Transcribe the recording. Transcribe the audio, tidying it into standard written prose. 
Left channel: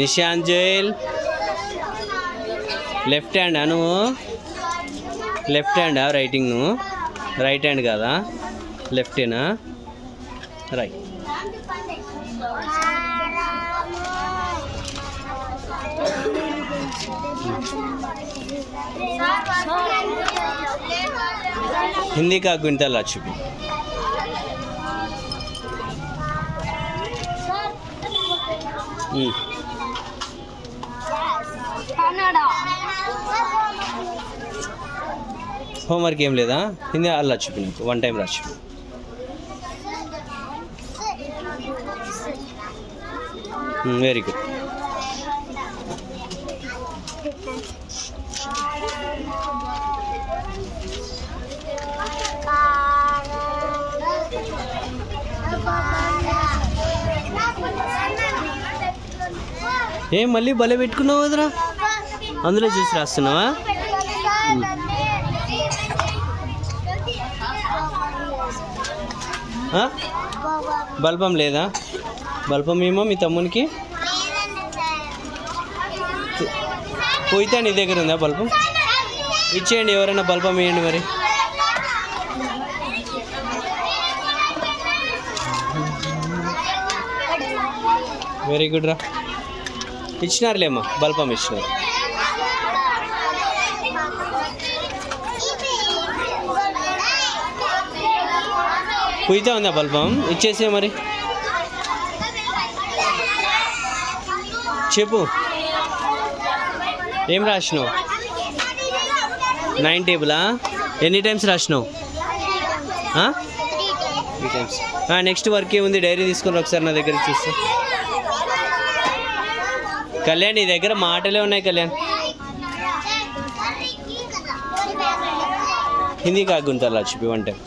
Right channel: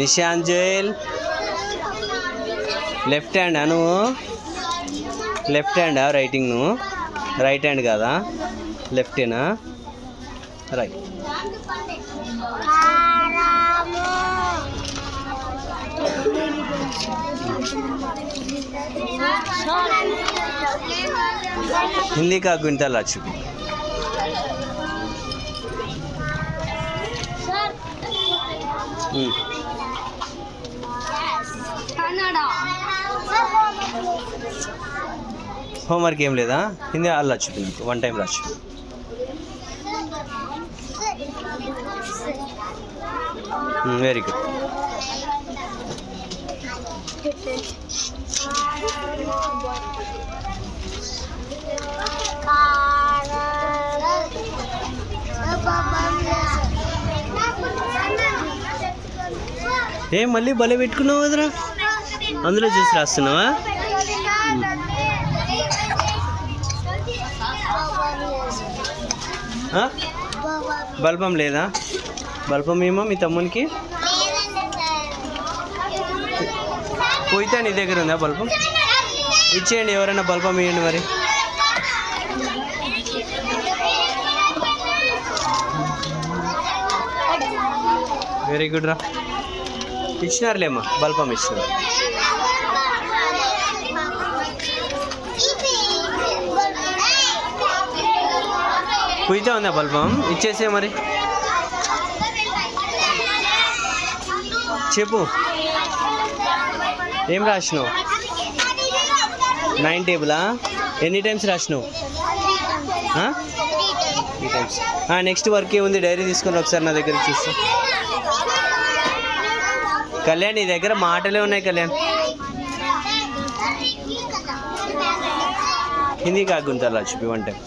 నిశాంజల్ left హ్యాండా నువ్వు? Left హ్యాండా రైటింగ్? నువ్వు రైట్ హ్యాండ్ కాదా, లెఫ్టేనా? రైట్. हिंदी का क्विंटल आ चुकी. होमवर्क ఏం లేదా? హిందీ అలా వచ్చి నీకు వన్ టైం రాచ్చు. Very good. ఏ మళ్ళీ భలే పెట్టుకున్నావు కదరా, అందులో చూసి రాస్తున్నావా? బల్బం లేదా? బల్బం ఏమో మీ తమ్మునికి పోయితే నీ దగ్గర ఉందా బల్బం? ఇచ్చేయండి, ఎవరైనా బల్బం ఇవ్వండి మరి. వెరీ గుడ్ రా, ఇచ్చినారులేమ్మా, బల్బం ఇచ్చినారు. పోయితే ఉందా బల్బం? ఇచ్చేసే మరి. చెప్పు, ఏం రాసినావు? 9 టేబులా? ఎన్ని టైమ్స్ రాసినావు? 3 టైమ్స్. నెక్స్ట్ వర్క్ ఏముంది? డైరీ తీసుకొని ఒకసారి నా దగ్గర చూస్తా. కళ్యాణ్ నీ దగ్గర మాటలే ఉన్నాయి కళ్యాణ్. హిందీ కాకుంటారా చూపి 1 టైం.